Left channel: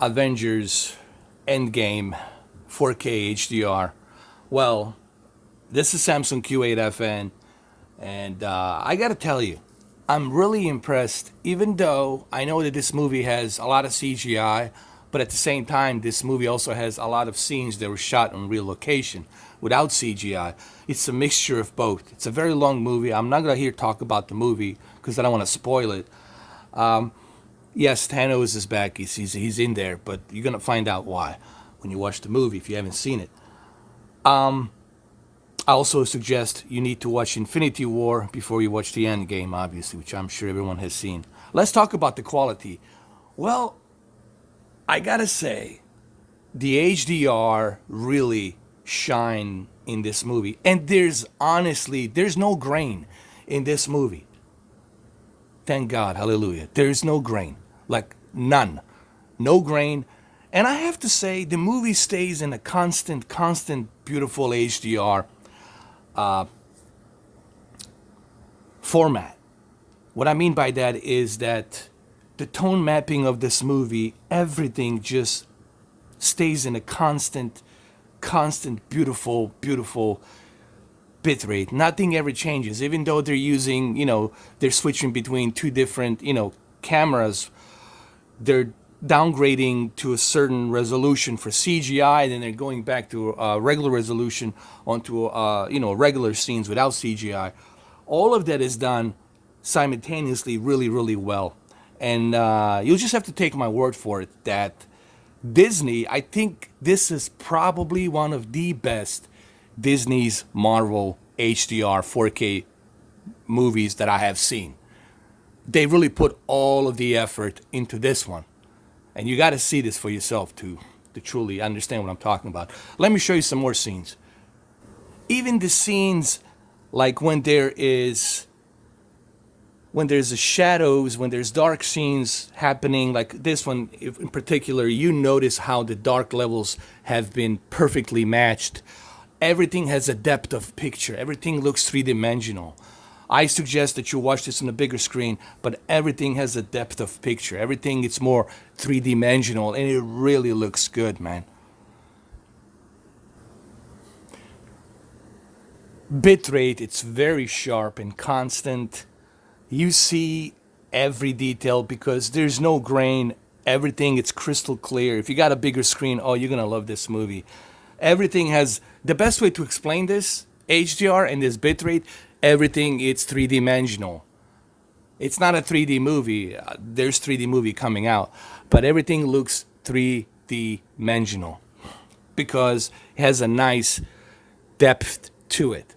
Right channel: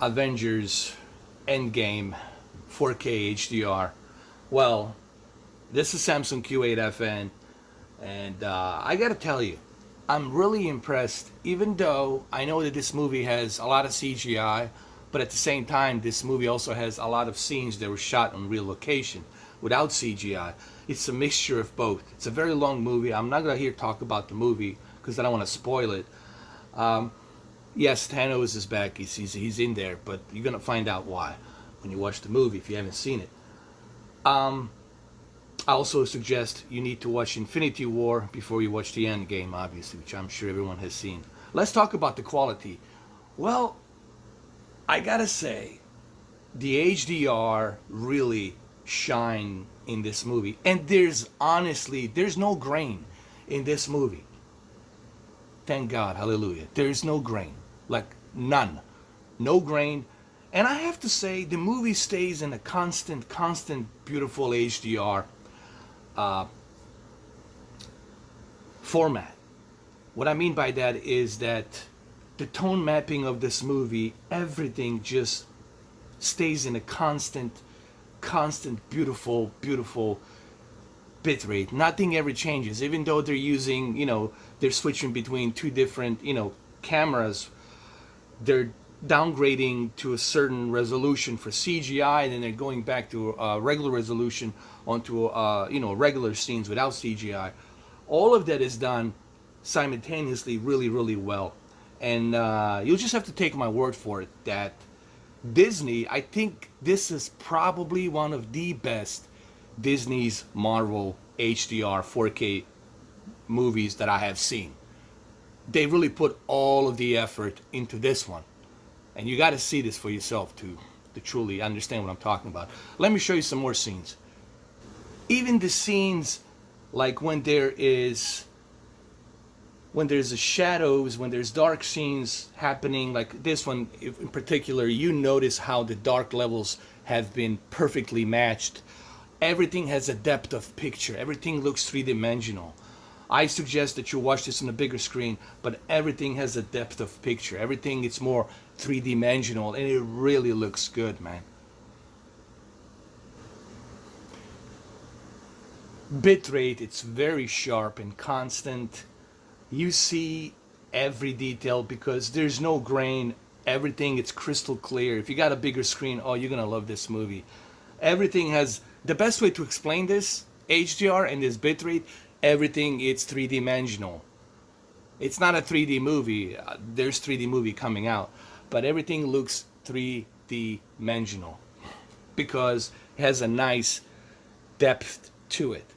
Avengers Endgame 4K HDR. Well, this is Samsung Q8FN, and I gotta tell you, I'm really impressed, even though I know that this movie has a lot of CGI, but at the same time, this movie also has a lot of scenes that were shot on real location without CGI. It's a mixture of both. It's a very long movie. I'm not gonna here talk about the movie because I don't want to spoil it. Yes, Thanos is back. He's in there, but you're gonna find out why when you watch the movie if you haven't seen it. I also suggest you need to watch Infinity War before you watch the End Game, obviously, which I'm sure everyone has seen. Let's talk about the quality. Well, I gotta say, the HDR really shine in this movie, and there's no grain in this movie. Thank God, hallelujah. There's no grain, like none, no grain. And I have to say, the movie stays in a constant, beautiful HDR format. What I mean by that is that the tone mapping of this movie, everything just stays in a constant, beautiful bitrate. Nothing ever changes, even though they're using, they're switching between two different, cameras. They're downgrading to a certain resolution for CGI, and then they're going back to regular resolution onto regular scenes without CGI. All of that is done simultaneously, really well. And you'll just have to take my word for it that Disney, I think this is probably one of the best Disney's Marvel HDR 4K movies that I have seen. They really put all of the effort into this one. And you got to see this for yourself to truly understand what I'm talking about. Let me show you some more scenes. Even the scenes like when there's the shadows, when there's dark scenes happening, like this one in particular, you notice how the dark levels have been perfectly matched. Everything has a depth of picture. Everything looks three-dimensional. I suggest that you watch this on a bigger screen, but everything has a depth of picture. Everything is more three-dimensional, and it really looks good, man. Bitrate, it's very sharp and constant. You see every detail because there's no grain. Everything, it's crystal clear. If you got a bigger screen, oh, you're gonna love this movie. Everything has the best way to explain this HDR and this bitrate. Everything it's three dimensional. It's not a 3D movie. There's 3D movie coming out, but everything looks three dimensional because it has a nice depth to it.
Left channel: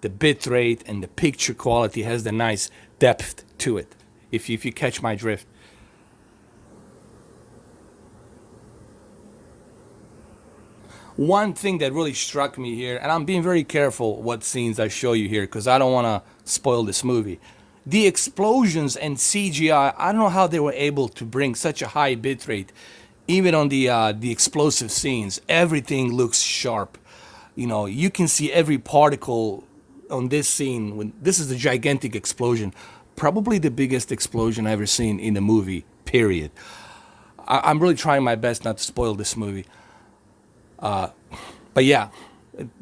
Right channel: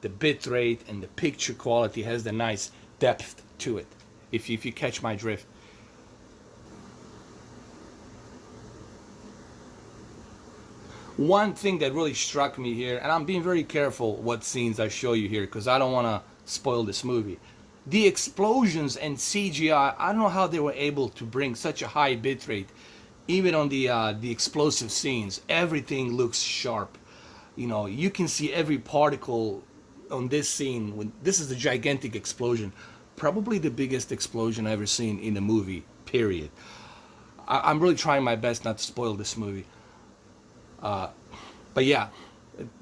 The bitrate and the picture quality has the nice depth to it. If you catch my drift. One thing that really struck me here, and I'm being very careful what scenes I show you here because I don't want to spoil this movie. The explosions and CGI, I don't know how they were able to bring such a high bitrate, even on the explosive scenes. Everything looks sharp. You can see every particle on this scene. When this is a gigantic explosion, probably the biggest explosion I've ever seen in a movie. Period. I'm really trying my best not to spoil this movie. But yeah,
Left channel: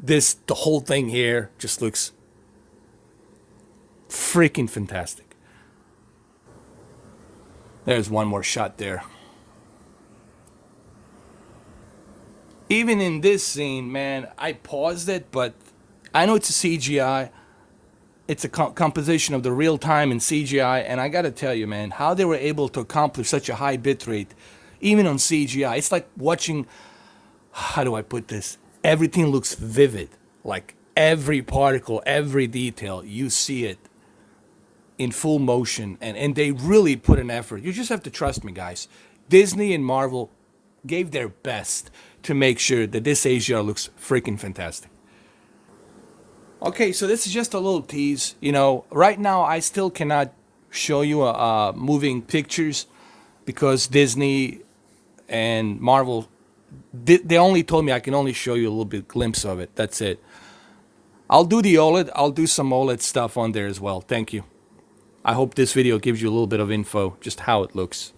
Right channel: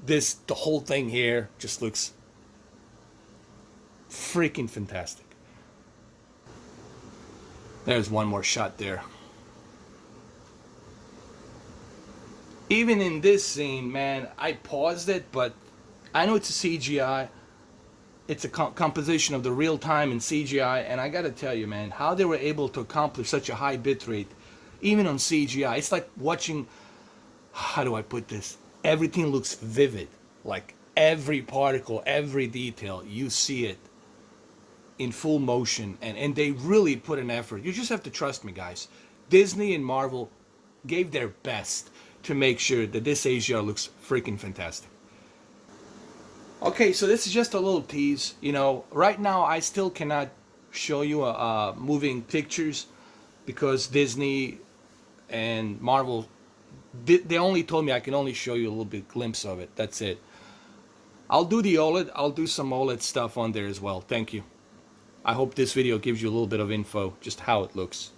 the whole thing here just looks freaking fantastic. There's one more shot there. Even in this scene, man, I paused it, but I know it's a CGI. It's a composition of the real time and CGI, and I gotta tell you, man, how they were able to accomplish such a high bitrate, even on CGI. It's like watching, how do I put this? Everything looks vivid. Like every particle, every detail, you see it in full motion, and they really put an effort. You just have to trust me, guys. Disney and Marvel gave their best to make sure that this HDR looks freaking fantastic. Okay, so this is just a little tease. Right now I still cannot show you moving pictures because Disney and Marvel, they only told me I can only show you a little bit glimpse of it. That's it. I'll do the OLED. I'll do some OLED stuff on there as well. Thank you. I hope this video gives you a little bit of info, just how it looks.